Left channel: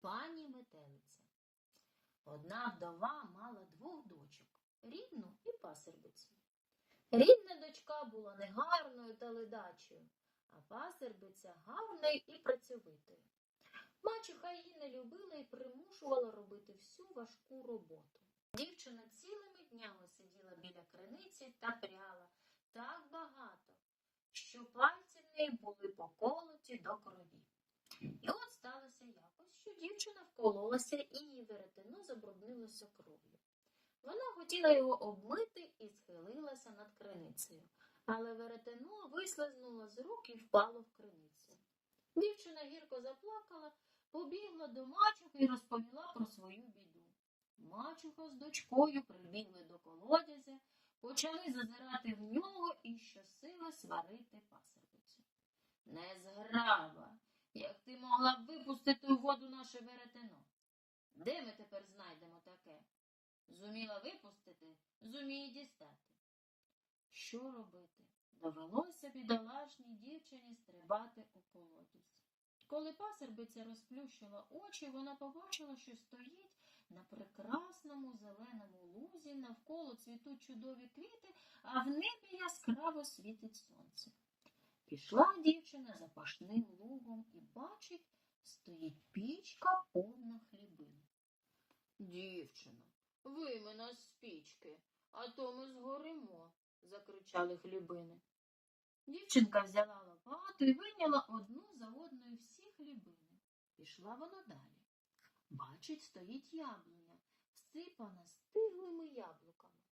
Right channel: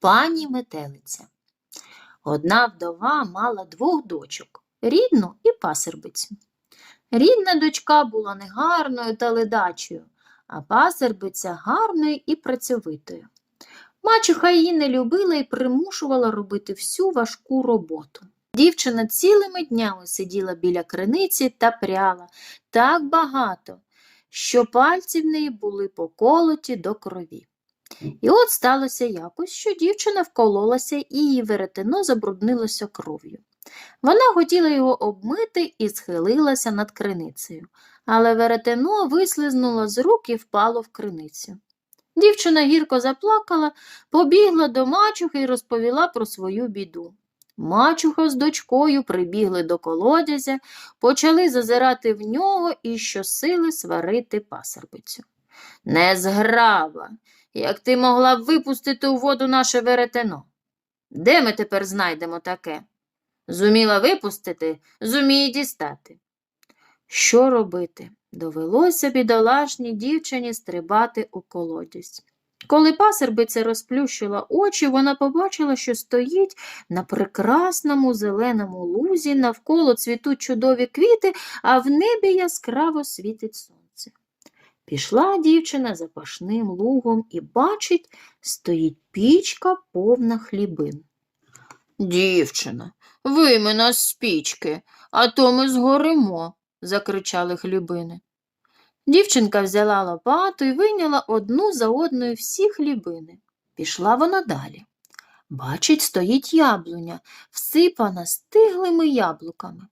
Пані метелиця. Одна вдова мала двох дочок рідну і пасербицю. Рідна дочка була негарною та ледачою, а пасербиця гарною і працьовитою. Мачуха її не любила і примушувала робити всю важку роботу. Дівчина цілими днями сиділа біля криниці та пряла так багато, що пальці в неї були поколоті до крові. І от сталося якось, що дівчина вкололася і її веретено забруднилося кров'ю. Вона хотіла його обмити і схилилася над криницею, але веретено вислизнуло з рук і впало в криницю. Дівчина гірко заплакала, побігла до мачухи і розповіла про свою біду. Мачуха з дочкою прибігли до колодязя, почали зазирати в нього і щосили сварити пасербицю. Незграба, як ти могла б випустити у воду наше веретено? Де ми тепер знайдемо таке? Зуміла випустити, зуміє дістати. Що робити? Довелося бідолашній дівчині стрибати у колодязь. Коли пасербиця розплющила очі, вона побачила, що стоїть на прекрасному зеленому лузі, навколо цвітуть чудові квіти, а в небі яскраво світить сонце. Пішла дівчина запашним лугом і бачить, стоїть пічка повна хлібин. Дівчина, вийми нас з пічки, а то ми згоримо, закричали хлібини. Дівчинка взяла лопату і вийняла одну за одною всі хлібини. Пішла вона далі. Бачить, стоїть яблуня, всипана стиглими яблуками.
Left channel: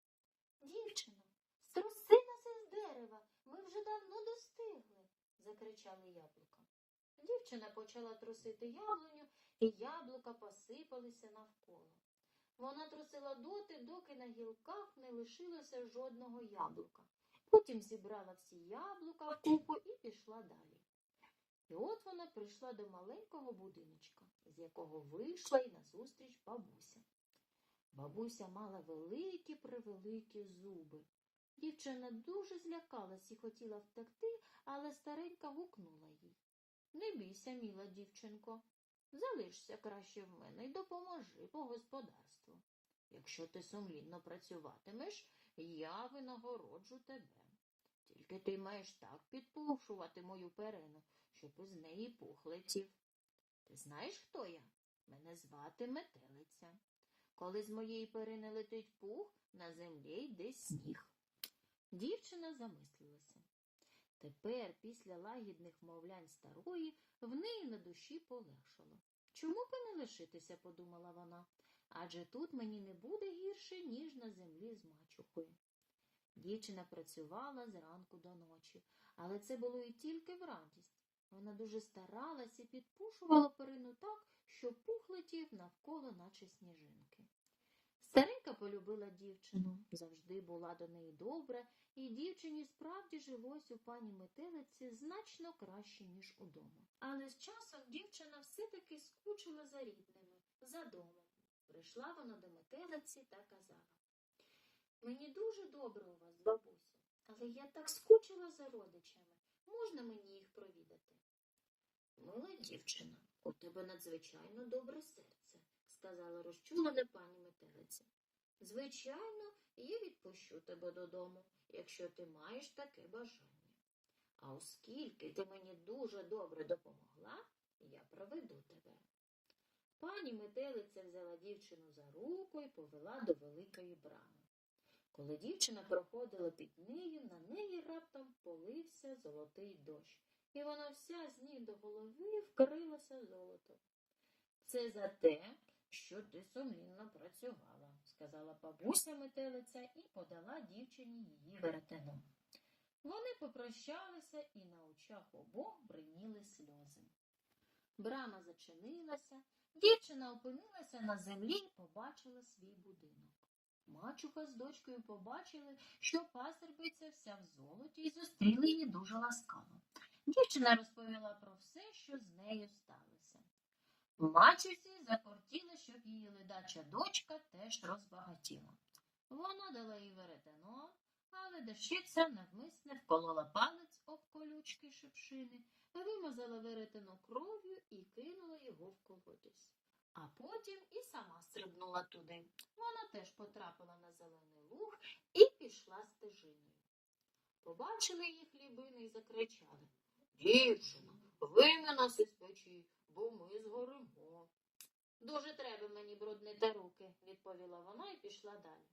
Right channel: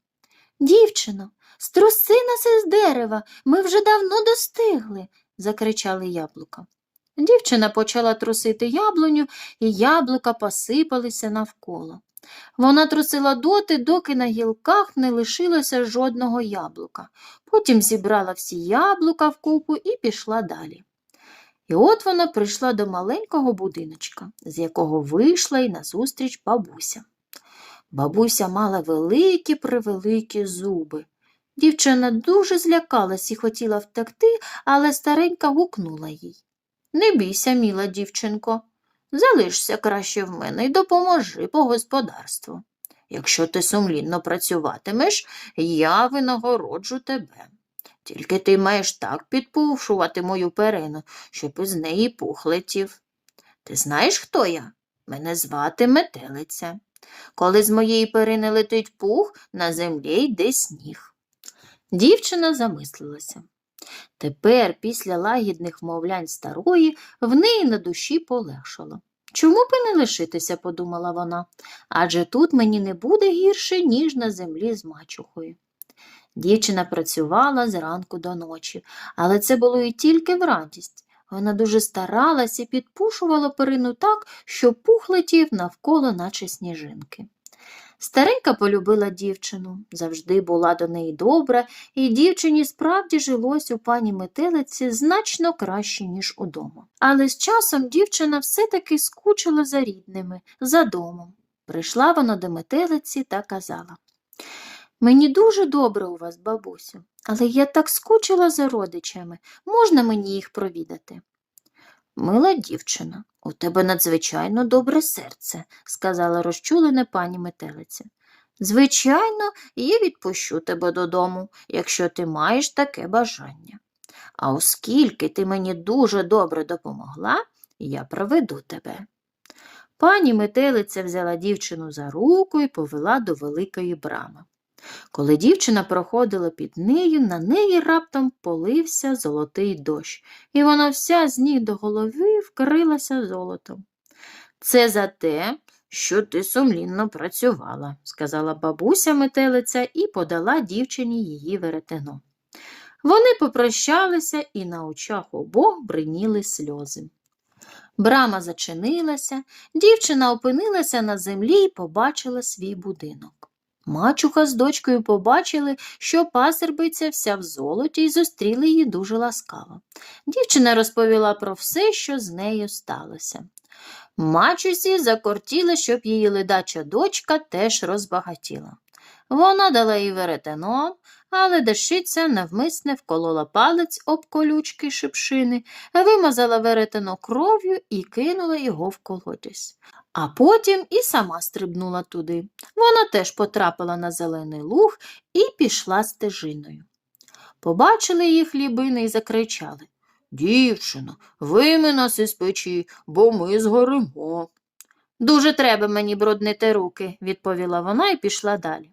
Дівчино, струси нас із дерева, ми вже давно достигли, закричали яблука. Дівчина почала трусити яблуню, і яблука посипалися навколо. Вона трусила доти, доки на гілках не лишилося жодного яблука. Потім зібрала всі яблука вкупу і пішла далі. І от вона прийшла до маленького будиночка, з якого вийшла й назустріч бабуся. Бабуся мала великі превеликі зуби. Дівчина дуже злякалась і хотіла втекти, але старенька гукнула їй. Не бійся, міла дівчинко, залишся краще в мене і допоможи по господарству. Якщо ти сумлінно працюватимеш, я винагороджу тебе. Тільки ти маєш так підпушувати мою перину, щоб із неї пух летів. Ти знаєш, хто я? Мене звати метелиця. Коли з моєї перини летить пух, на землі йде сніг. Дівчина замислилася. Тепер, після лагідних вмовлянь старої, в неї на душі полегшало. Чому б і не лишитися, подумала вона, адже тут мені не буде гірше, ніж на землі з мачухою. Дівчина працювала зранку до ночі, але це було і тільки в радість. Вона дуже старалась і підпушувала перину так, що пух летів навколо, наче сніжинки. Старенька полюбила дівчину, завжди була до неї добра, і дівчині справді жилось у пані метелиці значно краще, ніж удома. Але з часом дівчина все-таки скучила за рідними, за домом. Прийшла вона до метелиці та казала Мені дуже добре у вас, бабусю, але я так скучила за родичами. Можна мені їх провідати? Мила дівчина, у тебе надзвичайно добре серце, сказала розчулене пані метелиця. Звичайно, я відпущу тебе додому, якщо ти маєш таке бажання. А оскільки ти мені дуже добре допомогла, я проведу тебе. Пані метелиця взяла дівчину за руку і повела до великої брами. Коли дівчина проходила під нею, на неї раптом полився золотий дощ, і вона вся з ніг до голови вкрилася золотом. Це за те, що ти сумлінно працювала, сказала бабуся метелиця і подала дівчині її веретено. Вони попрощалися і на очах обох бриніли сльози. Брама зачинилася, дівчина опинилася на землі і побачила свій будинок. Мачуха з дочкою побачили, що пасербиця вся в золоті і зустріли її дуже ласкаво. Дівчина розповіла про все, що з нею сталося. Мачусі закортіла, щоб її ледача дочка теж розбагатіла. Вона дала їй веретено, але дещиця навмисне вколола палець об колючки шипшини, вимазала веретено кров'ю і кинула його в колодязь. А потім і сама стрибнула туди. Вона теж потрапила на зелений луг і пішла стежиною. Побачили її хлібини і закричали Дівчино, вийми нас із печі, бо ми згоримо. Дуже треба мені бруднити руки, відповіла вона і пішла далі.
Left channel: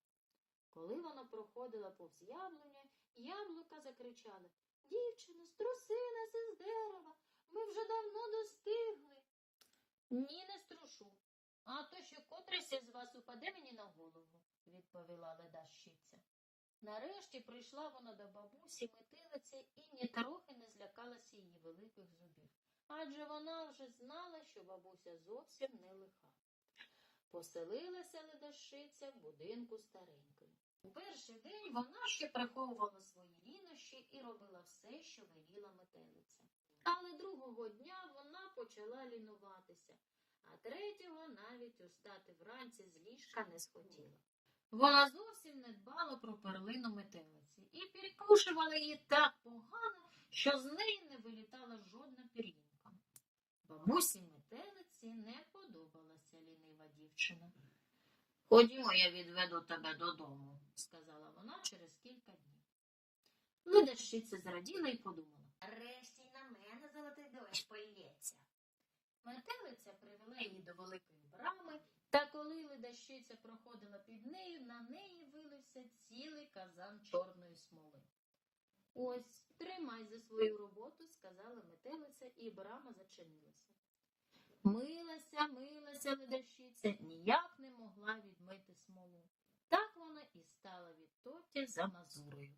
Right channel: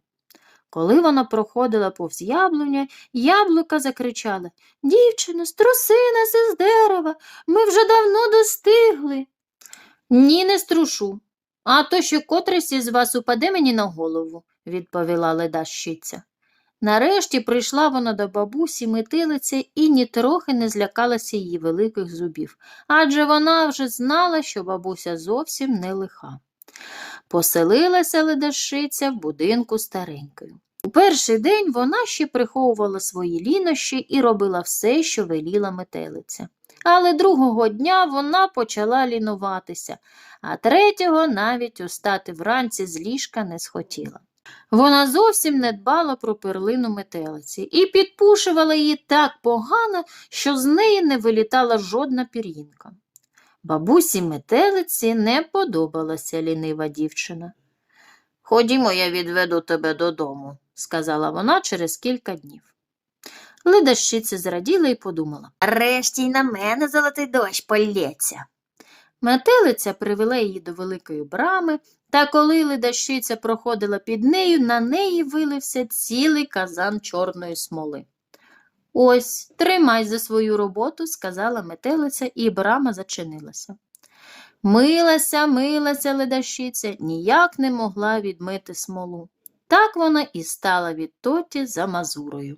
Коли вона проходила повз яблуня, яблука закричали Дівчино, струси нас із дерева, ми вже давно достигли. Ні, не струшу. А то ще котрийсь із вас упаде мені на голову, відповіла ледащиця. Нарешті прийшла вона до бабусі метилиці і нітрохи не злякалася її великих зубів, адже вона вже знала, що бабуся зовсім не лиха. Поселилася ледащиця в будинку старенькою. У перший день вона ще приховувала свої лінощі і робила все, що веліла метелиця. Але другого дня вона почала лінуватися, а третього навіть устати вранці з ліжка не схотіла. Вона зовсім не дбала про перлину метелиці і підпушувала її так погано, що з неї не вилітала жодна пір'їнка. Бабусі метелиці не подобалася лінива дівчина. Ходімо, я відведу тебе додому, сказала вона через кілька днів. Ледащиця зраділа і подумала. Решті й на мене золотий дощ полється. Метелиця привела її до великої брами, та коли ледащиця проходила під нею, на неї вилився цілий казан чорної смоли. Ось, тримай за свою роботу, сказала метелиця, і брама зачинилася. Милася, милася ледащиця, ніяк не могла відмити смолу. Так вона і стала відтоті за мазурою.